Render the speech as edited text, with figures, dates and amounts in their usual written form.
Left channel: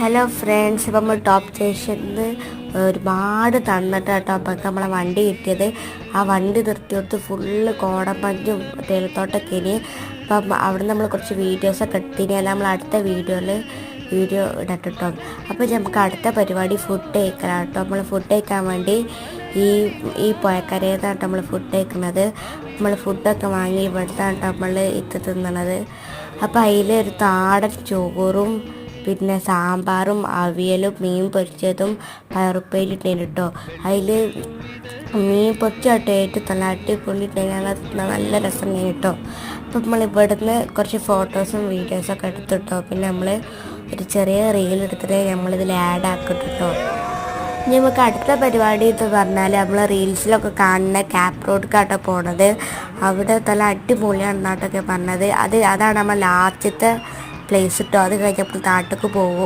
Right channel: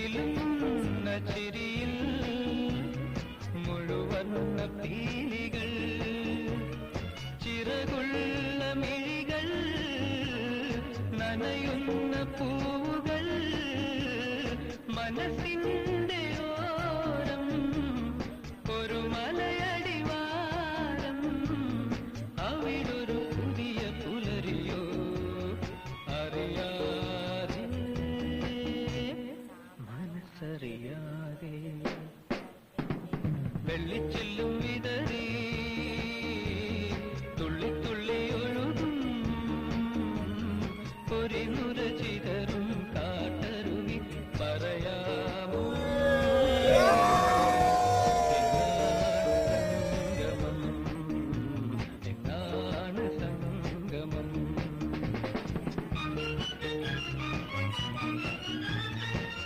Hello friends, ഇപ്പം നമ്മൾ top സ്റ്റേഷനിൽ ഒരുപാട് തന്നിട്ട് കേട്ടോ അപ്പം നമ്മളെ വണ്ടി കിട്ടിയത്. ആ വണ്ടി നിർത്തിയെടുത്ത് ഫുള്ള് കോടമഞ്ഞും തേയിലത്തോട്ടമൊക്കെ ഇനി. അപ്പം അവിടെ നമ്മൾ കുറച്ച് വീഡിയോസൊക്കെ എടുത്തിനി. അത് നമ്മൾ അടുത്ത വീഡിയോ ഇടട്ടോ. അപ്പോൾ നമുക്ക് അടുത്ത പരിപാടി ഫുഡ് കഴിക്കണം കേട്ടോ. നമ്മൾ ഫുഡ് കഴിക്കാൻ വേണ്ടി ഈ പുഴക്കരയിലാണ് നമ്മൾ ഫുഡ് കഴിക്കുന്നത്. നമ്മൾ ഫുഡൊക്കെ വാങ്ങി ഇവിടുത്താണ് നമ്മൾ തിന്നണത്. അപ്പോൾ അതിൽ ഒരു താടൻ ചോറും പിന്നെ സാമ്പാറും അവിയലും മീൻ പൊരിച്ചതും പയറുപ്പേരി ഇട്ടേന് കേട്ടോ. അതിൽ മീൻ പൊരിച്ചാട്ടോ ഏറ്റവും നല്ല അടിപൊളി നല്ല രസം കേട്ടോ. അപ്പം നമ്മൾ ഇവിടുന്ന് കുറച്ച് ഫോട്ടോസും വീഡിയോസൊക്കെ എടുത്തിട്ടോ. പിന്നെ നമ്മൾ ഒരു ചെറിയ റീൽ എടുത്തിട്ട് നമ്മളിതിൽ ആഡ് ആക്കിട്ടോ. ഇനി നമുക്ക് അടുത്ത പരിപാടി എന്ന് പറഞ്ഞാൽ നമ്മൾ റീൽസിലൊക്കെ കാണുന്ന ക്യാപ് റോഡ്ക്കാട്ടോ പോണത്. അവിടെ നല്ല അടിപൊളിയാണെന്നാട്ടൊക്കെ പറഞ്ഞത്. അതാണ് നമ്മൾ ലാസ്റ്റത്തെ പ്ലേസ് കിട്ടും. അത് കഴിഞ്ഞപ്പോൾ നാട്ടിലേക്ക് പോകും.